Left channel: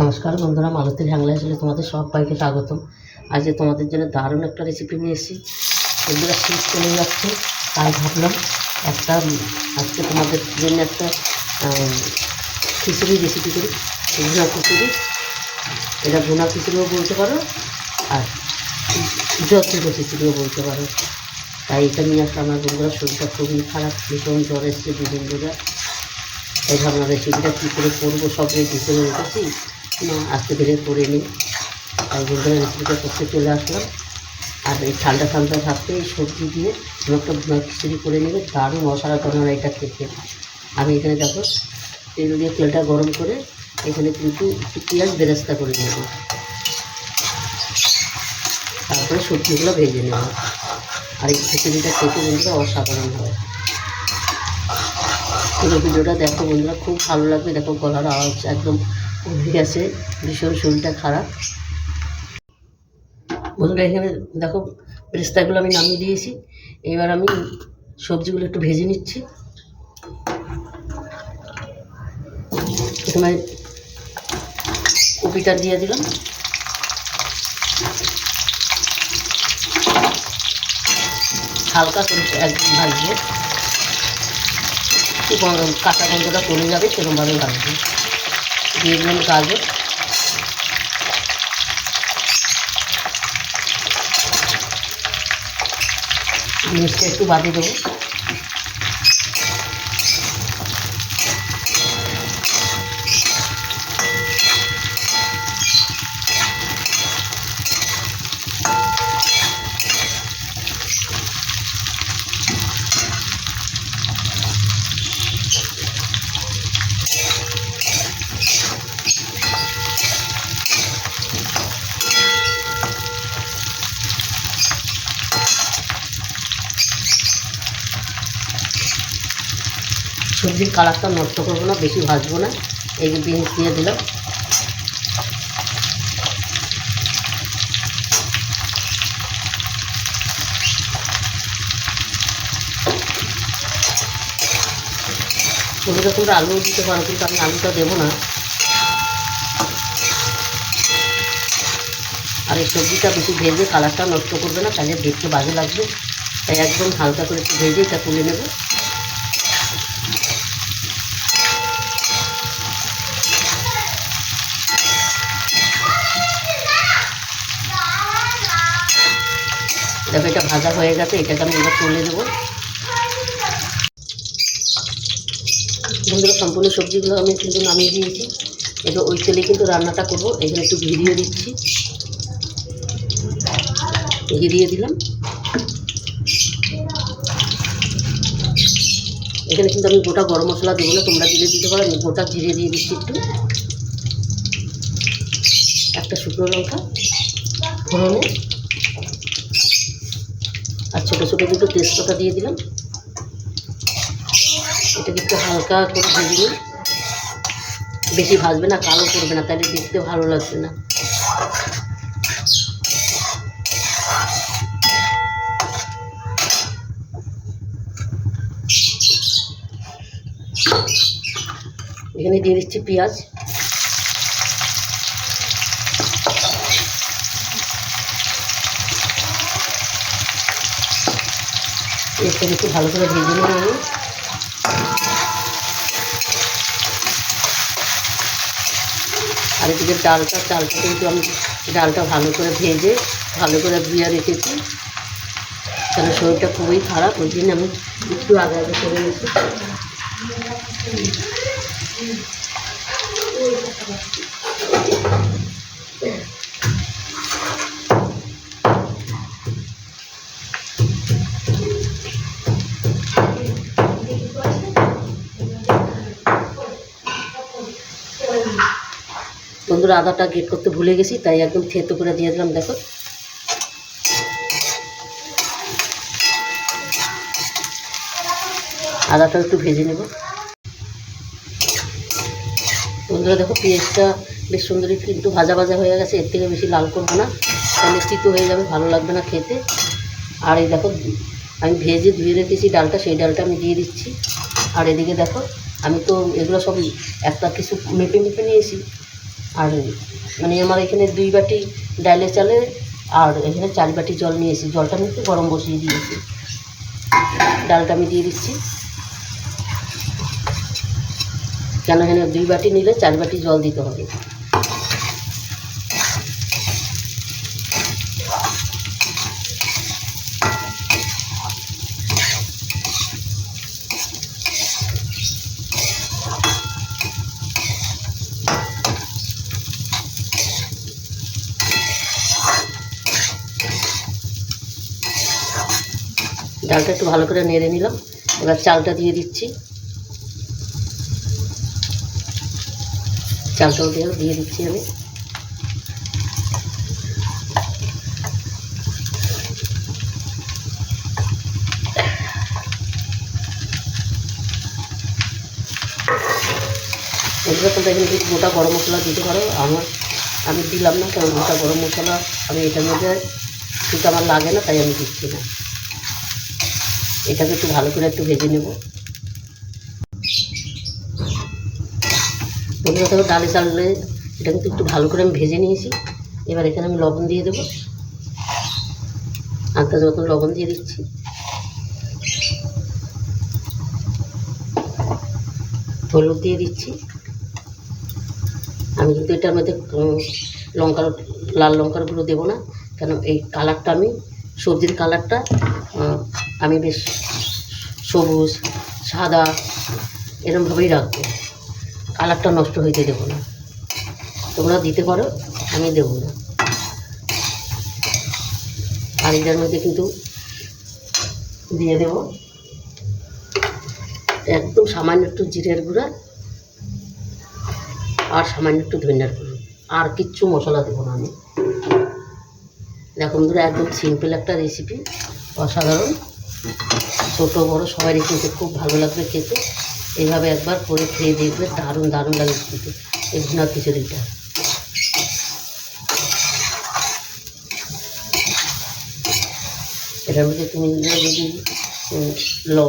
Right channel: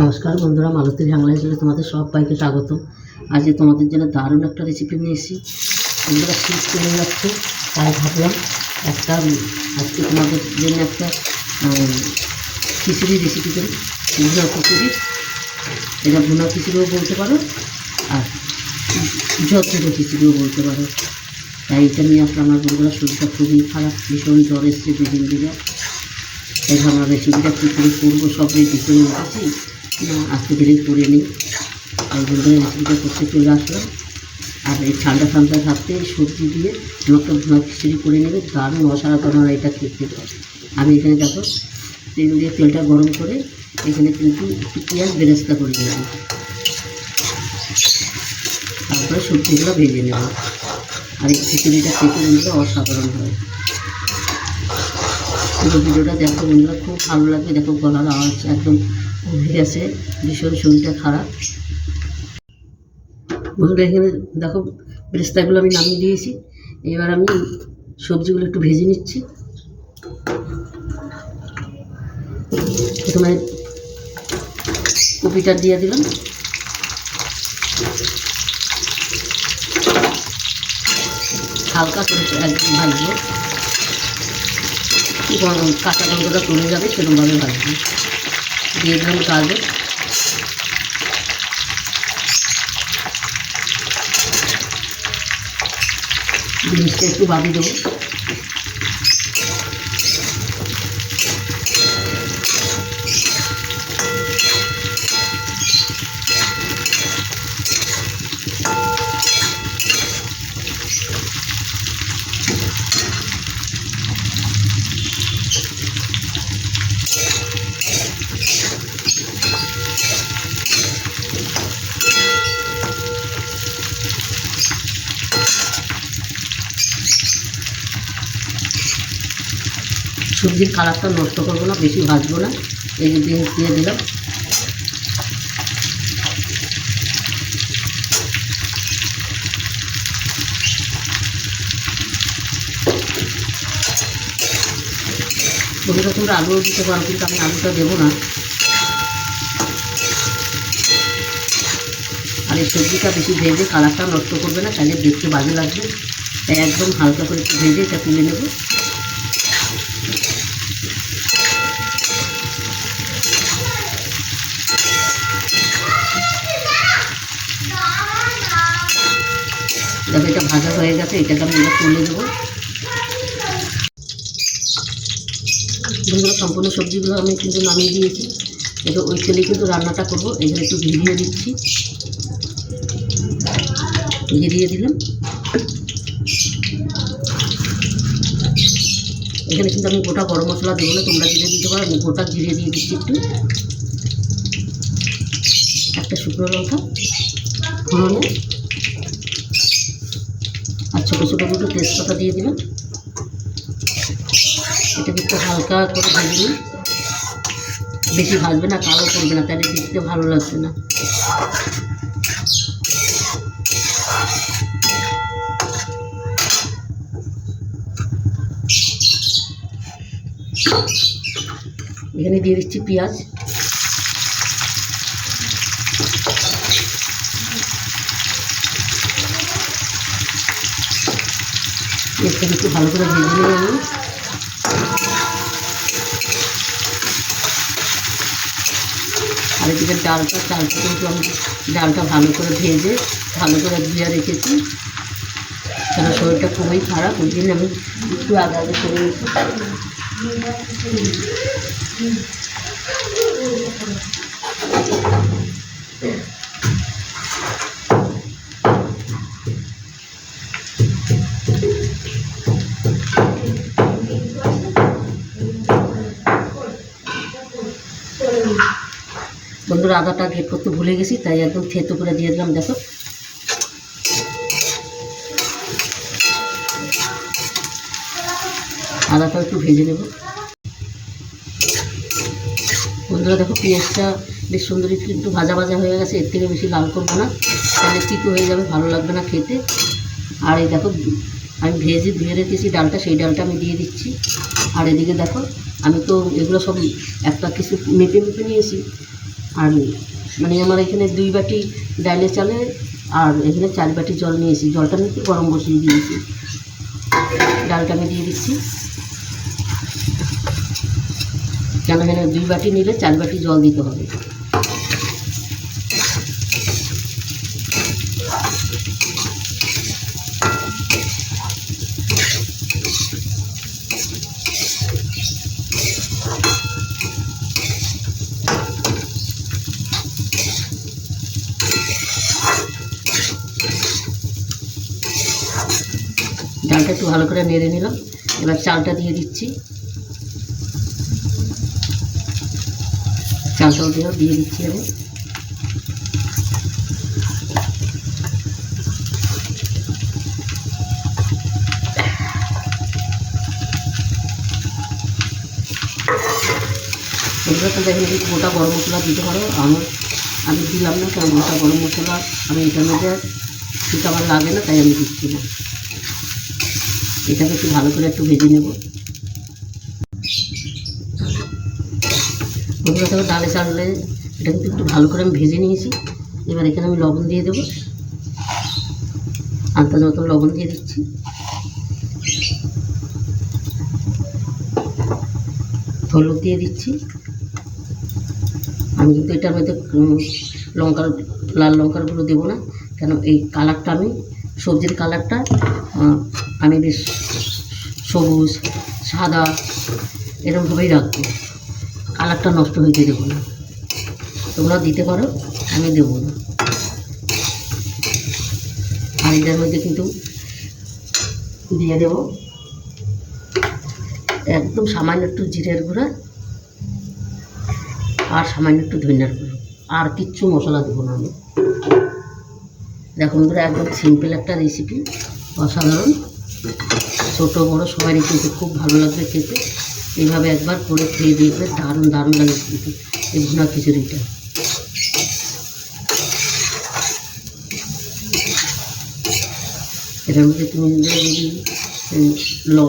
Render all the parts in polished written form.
নমস্কার বন্ধুরা, মালতীর হ্যাংলা চ্যানেলে তোমাদের সবাইকে স্বাগতম। আজকে তোমাদের জন্য দারুণ একটা রেসিপি নিয়ে এসেছি। বন্ধুরা শীত চলে যাচ্ছে, তাই ভাবলাম আজকে তোমাদের জন্য একটা খিচুড়ি রেসিপি করি। ভুনা খিচুড়ি, এটা ভুনা খিচুড়িও বলতে পারো আর যত্ন খিচুড়িও বলতে পারো। তাই এটা নিয়ে আসলে আমার বন্ধুরা শরীরটা খুবই খারাপ, ভীষণ জ্বর এসছে দুদিন ধরে। এই ভাবনা রেসিপিটা কী করে করবো সব রেডি করে রেখেছি, আজকে ধীরে করে নিই। তাই বন্ধুরা রেসিপিটা করতে চলে আসলাম। আর এই ঠান্ডা ঠান্ডা ভাবতে সবজি দিয়ে একটা ভুনা খিচুড়ি করে নেবে, দারুণ অসাধারণ এটা খেতে। আমি এখানে দেখো তেল দিয়ে তেলটা গরম করে এখানে কিন্তু একটু পেঁয়াজ বেরেস্তা করে নেব, তারপরে সবজিগুলো ভেজে নেব। আর এই খিচুড়িটা খেতে বন্ধুরা অসাধারণ হয়। পুরো ভিডিওটা দেখো বন্ধুরা, খুব ভালো লাগবে। দেখো গলার আওয়াজ একদম উঠে গেছে, ভীষণ শরীরটা খারাপ। বন্ধুরা এখানে দেখো বেরেস্তাগুলো আমি নামিয়ে দিয়েছি। এবার আমি সবজিগুলো একটু ভেজে নিচ্ছি। প্রথমে কপিটা দিয়ে দিলাম, হালকা করে একদম ভাজবো, একটু কাঁচা গন্ধটা চলে যাবে সেরকমভাবে ভাজবো। দিয়ে দিলাম গাজর, জিনিসটা একটু বাড়িয়ে দেবো। সবজির কালারটা নষ্ট করবো না, বেশি ভাজবো না। এই যে জিনিস দিয়ে দিলাম। বন্ধুরা তোমরা আলুও দিতে পারো, কিন্তু আমি আলুটা দেবো না। আর এই সবজিটা বেশি ভেজে কালারটা নষ্ট করবে না, তাহলে দেখতে বাজে লাগবে। তাই একদম হালকা করে একটু ভেজে এটা তুলে নেব। তবে এটা ভাজা হয়ে গেছে, এটাকে আমি এবার তুলে দেবো। বন্ধুরা সম্পূর্ণ সবজিগুলো আমি কিন্তু নামিয়ে দিয়েছি। এটা ওই তেলে কিন্তু রান্নাটা করবো। এখানে একটু ভিজিয়ে দিচ্ছি, ভিজিয়ে দিলাম। এখানে কিন্তু আমি গোটা গরম মশলা দেবো না, তোমরা জিরে দিতে পারো। আমি গোটা জিরে দিয়ে দিচ্ছি একটু, একটা শুকনো লঙ্কা ফোড়নে, আর ছোটো ছোটো দুটো তেজপাতা দিয়ে দিলাম। এটা কিন্তু হালকা করে ভেজে নিই, বেশি ভাজবে না, কালো করবে না, তাহলে দেখতে ভালো লাগবে না। এখানে দিয়ে দিচ্ছি পেঁয়াজ, একটু ভালো করে ভেজে নিয়ে আমি আর এদিকে চালটা কিন্তু আমি ডালটা ভালো করে ভেজে ভালো করে ধুয়ে রেখেছি, কারণ শরীরটা খুবই খারাপ। ওই জন্য আমি একটু আগে করে নিয়েছি। বন্ধুরা আদাটা গ্রেট করতে ভুলে গেছি, তাই একদম থেতো করে দিয়ে দিলাম। দেখো আদাটা একটু ভেজে নেব। বন্ধুরা দেখো পেঁয়াজটা বেশ সুন্দর একটু ভাজা ভাজা হয়ে গেছে, এর থেকে বেশি লাল করবো না, তাহলে তিতো হয়ে যাবে, ভালো লাগবে না খেতে। আর এই দেখো আমি ভেজে ধুয়ে রেখেছি ডালটা, সেই ডালটা আমি দিয়ে দিচ্ছি। আর এদিকে দেখো আমি তো এগুলো সব একটা কিছু মেপে নিয়েছি। আর মানে আমার এখানে 2 বাটি ডালে চালে আর এখানে 4 বাটি জল নিয়েছি। জলটা আমি একটু গরম বসিয়ে দিয়েছি। ডালটা আমি দিয়ে দিচ্ছি, কেন এখানে 2 বাটি নিলে 4 বাটি জল দিতে হবে। ডালটা একটু ভালো করে নেড়ে নিলাম। এবার চালটা দিয়ে দিচ্ছি। চালটাও দিয়ে দিচ্ছি আমি। এগুলো তো দেখেন গোটা গরম মশলা দিতে পারো। আমি দিলাম না, কারণ গোটা গরম মশলা আমি এটার মধ্যে কিন্তু আমার লাগে না, তাই আমি দিচ্ছি না। এটাকে একটু ভালো করে একটু ভেজে নেব। বন্ধুরা দেখো ডালে চালে এটা কিন্তু একটু ভালো করে আমি ভেজে নিয়েছি। এবার এখানে আমি লবণ দিয়ে দেবো, আন্দাজ মতন লবণ দিয়ে দিচ্ছি। হলুদ দিয়ে দিচ্ছি। আমি কিন্তু এটার মধ্যে লাল লঙ্কার গুঁড়ো দেবো না, কেন এই কালারটা আমি সবজির কালারটা আমি বেশ সবুজ সাদা এরকমভাবেই রাখবো, কালারটা নষ্ট হইতে দেবো না। তোমরা দিতে পারো, আমি দেবো না। আর এটার মধ্যে কিন্তু দিয়ে দেব একদম সামান্য একটু জিরের গুঁড়া আর সামান্য একটু ধনিয়ার গুঁড়ো, আর কিচ্ছু মশলা দেবো না আমি। দেখো বন্ধুরা, একদম সিম্পল একটা রেসিপি, অসাধারণ। ছোটো বড়ো সবারই কিন্তু খুব ভালো লাগবে খেতে। এইভাবে একবার করে খেয়ে দেখবে, দারুণ দারুণ লাগে কিন্তু এই ভুনা খিচুড়িটা। এটার মধ্যে তুমি যদি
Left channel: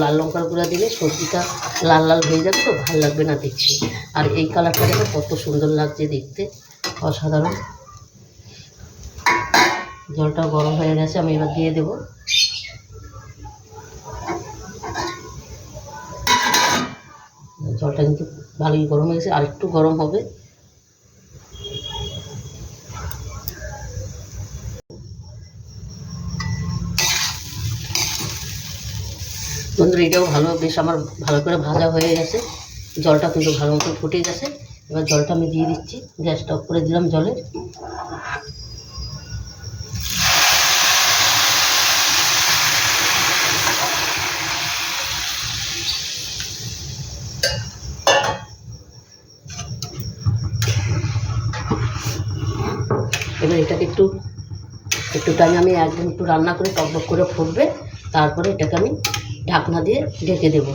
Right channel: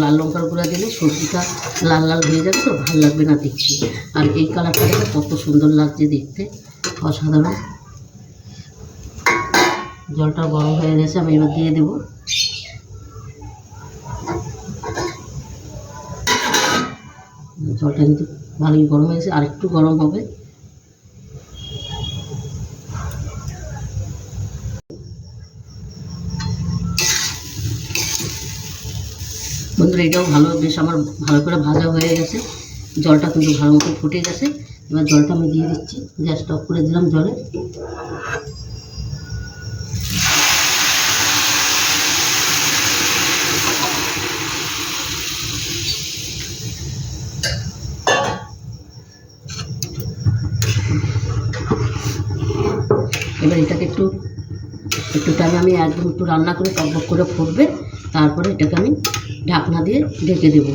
লাল লঙ্কার গুঁড়া দিলে সবজিটা লাল লাল হয়ে যাবে, তো ভালো লাগবে না দেখতে। আর এই কালারটা কত সুন্দর লাগছে দেখতে, অসাধারণ। জলটা গরম হয়ে গেছে, আমি এবার দিয়ে দেবো। জলটা কিন্তু ভালোই গরম হয়ে গেছে, আর একটু গরম হবে। বন্ধুরা এটাও বেশ আমার ভালো করে ভাজা হয়ে গেছে। জলটা কিন্তু ভালো মতো ফুটে গেছে। এবার জলটা আমি দিয়ে দিচ্ছি, গ্যাসটা অফ করে দিলাম জলের। এবার এটাকে একটু টাইম আমি একদম একটু রান্না করে টকবক করে ফুটবে, তারপরে এটাকে আমি ঢাকনা দিয়ে ঢেকে দেব।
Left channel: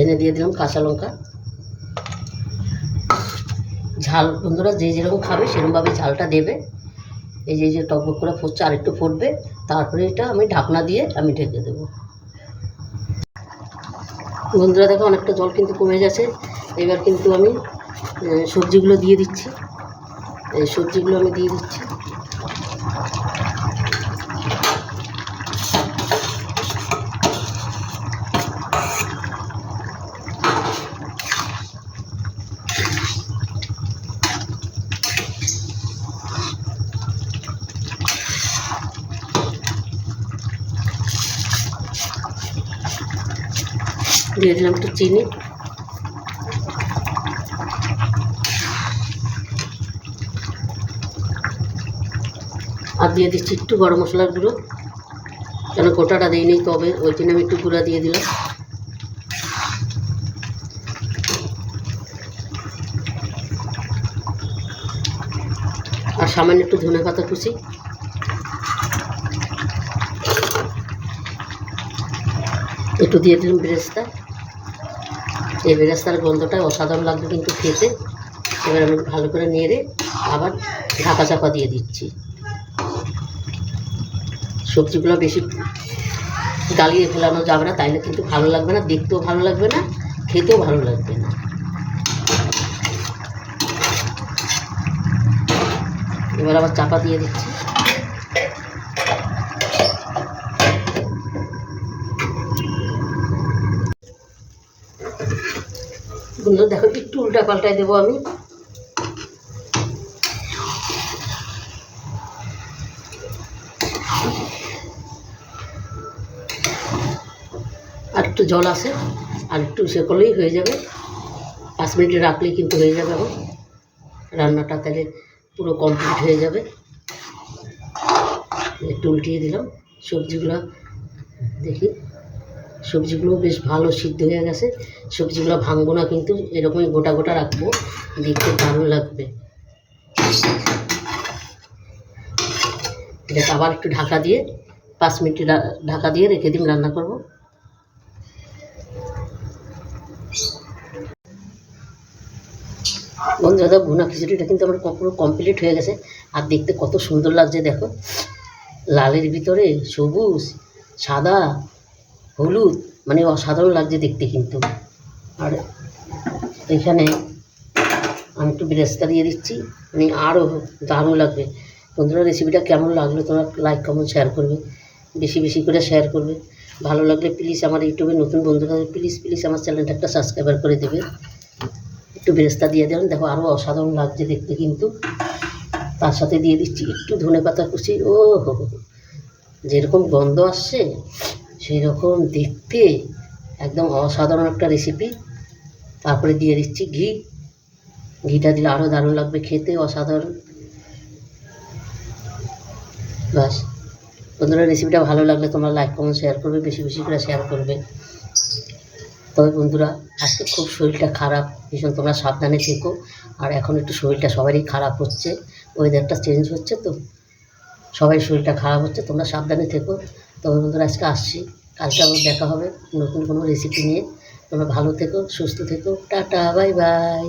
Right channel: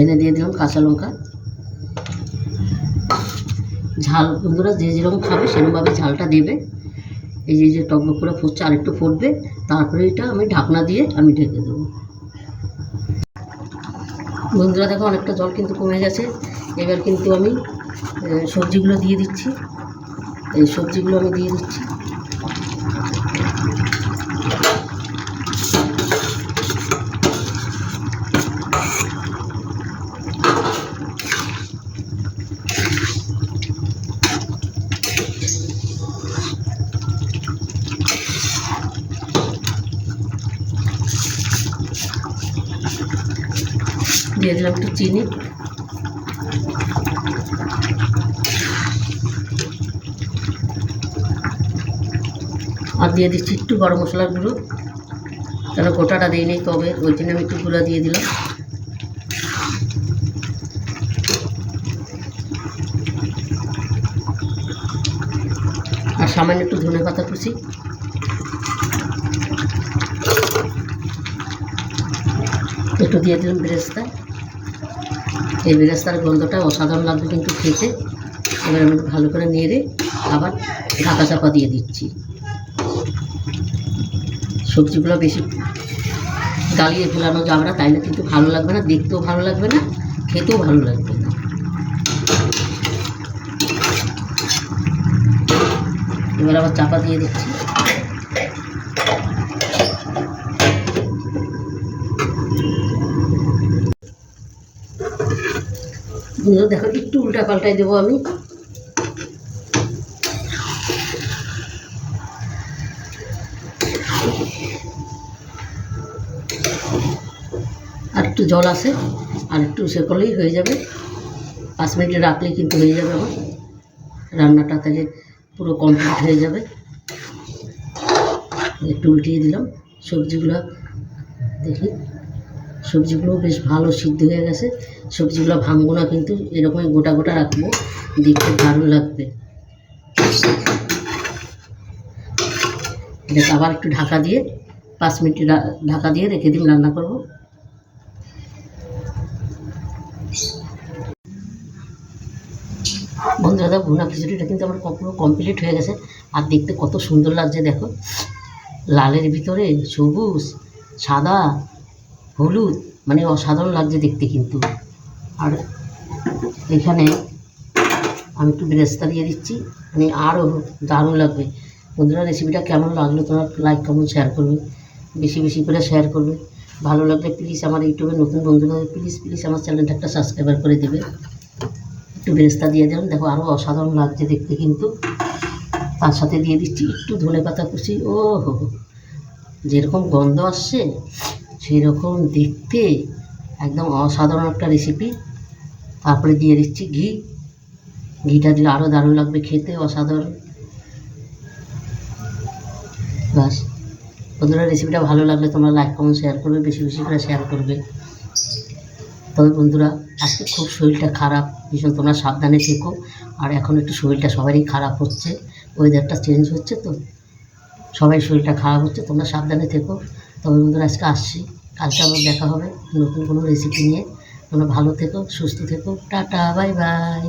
এনে দিয়ে দিলাম কাঁচা লঙ্কা। ঝাল বন্ধুরা যে যেরকম খাবে সেরকমভাবে ঝালটা দেবে। এই যে টকবক করে ফুটছে, আর একটু ফুটবে, তারপরে এটা আমি ঢাকনা দিয়ে আমি ঢেকে দেবো। বন্ধুরা দেখো অনেকটা জল কিন্তু কমে গেছে। এবার কিন্তু আমি সবজিগুলো দিয়ে দিচ্ছি। এই সবজিগুলো আমি দিয়ে দিচ্ছি। দিয়ে দিলাম একটু চিনি। আর দিয়ে দিচ্ছি একটু গরম মশলার গুঁড়ো, কেন গোটাটা দিইনি, তবে ওই জন্য আমি একটু গুঁড়া দিয়ে দিলাম। আর সামান্য একটু ধনেপাতা কুচি। একটু দিয়ে দিলাম বেরেস্তা। এই বেরেস্তার গন্ধটা অসাধারণ লাগবে কিন্তু খেতে। এবার আমি ভালো করে নেড়ে আবার ঢাকা চাপা দিয়ে দিচ্ছি। সবজিগুলো বেশি গালিয়ে ফেলানো যাবে না, তাইলে কিন্তু ভালো লাগবে না, দেখতেও ভালো লাগবে না, খেতেও ভালো লাগবে না। এবার আবার চাপা দিয়ে দিচ্ছি। বন্ধুরা দেখো, একটু উল্টা পাল্টাই দেবো আমি। আর একটু জল আছে, আর একটু সে করলেই হয়ে যাবে। 5 মিনিট রাখলেই কিন্তু হয়ে যাবে আমার রান্নাটা, তাহলে পুরো কমপ্লিট হয়ে যাবে। একটু উল্টিয়ে দিলাম। সবজিগুলো দেখি, সবজিগুলো বেশ ভালো সিদ্ধ হয়ে গেছে। সবজিগুলো ভাঙবো না কিন্তু, এরকমই গোটা গোটা রাখবো, দেখতে ভালো লাগবে। এটা আবার একটু ঢাকা দিয়ে 5 মিনিট ঢাকা দিয়ে রেখে দিন, রান্না করব। বন্ধুরা দাদা, ভুনা খিচুড়িটা কিন্তু আমার পুরো কমপ্লিট হয়ে গেছে। আর দেখতে কত সুন্দর লাগছে দেখো, লালের ভিতরে সবুজ, সাদা, হলুদ, মানে অসাধারণ লাগছে দেখতে কিন্তু। আর এখানে আমি একটু বেরেস্তা দিয়ে দিচ্ছি, মানে আরও দারুণ লাগবে। বন্ধুরা, রেসিপিটা কেমন লাগলো তোমরা লাইক কমেন্ট শেয়ার করবে, বেশি বেশি করে শেয়ার করবে। ভালো লাগলে প্লিজ আমার ইউটিউবে নতুন বন্ধুরা প্লিজ প্লিজ আমার চ্যানেলটা একটা সাবস্ক্রাইবার করে দেবে। একটু বেরেস্তা দিয়ে দেবেন, দেখো আরও অসাধারণ লাগছে দেখতে কিন্তু। তার সাথে দিয়ে দিচ্ছি একটু ধনেপাতা কুচি। ও হো, যেরকম গন্ধ আসছে সেই রকম দেখতে, একদম অসাধারণ একটা রেসিপি। তারপরে দিয়ে দিচ্ছি ঘি। ঘিটা দিলে আরও দারুণ লাগবে খেতে, অসাধারণ। বাস বন্ধুরা, রেসিপিটা ভালো লাগলে তোমরা লাইক কমেন্ট শেয়ার করবে, বেশি বেশি করে শেয়ার করবে। তবে বন্ধুরা, আজকে খুব শরীরটা খারাপ ভীষণ, তোমরা সাবধানে থেকো। আর এখন একটু শরীরটা সবারই খারাপ হচ্ছে, ওয়েদারটা চেঞ্জ হচ্ছে তো, সবাই শরীরটা খারাপ হচ্ছে, তোমরা সাবধানে থেকো। তবে বন্ধুরা, আজকে আসছি, কালকে আবার দেখা হবে নতুন কোনো রেসিপি নিয়ে। তোমরা ভালো থেকো, সুস্থ থেকো, টাটা, বাই বাই।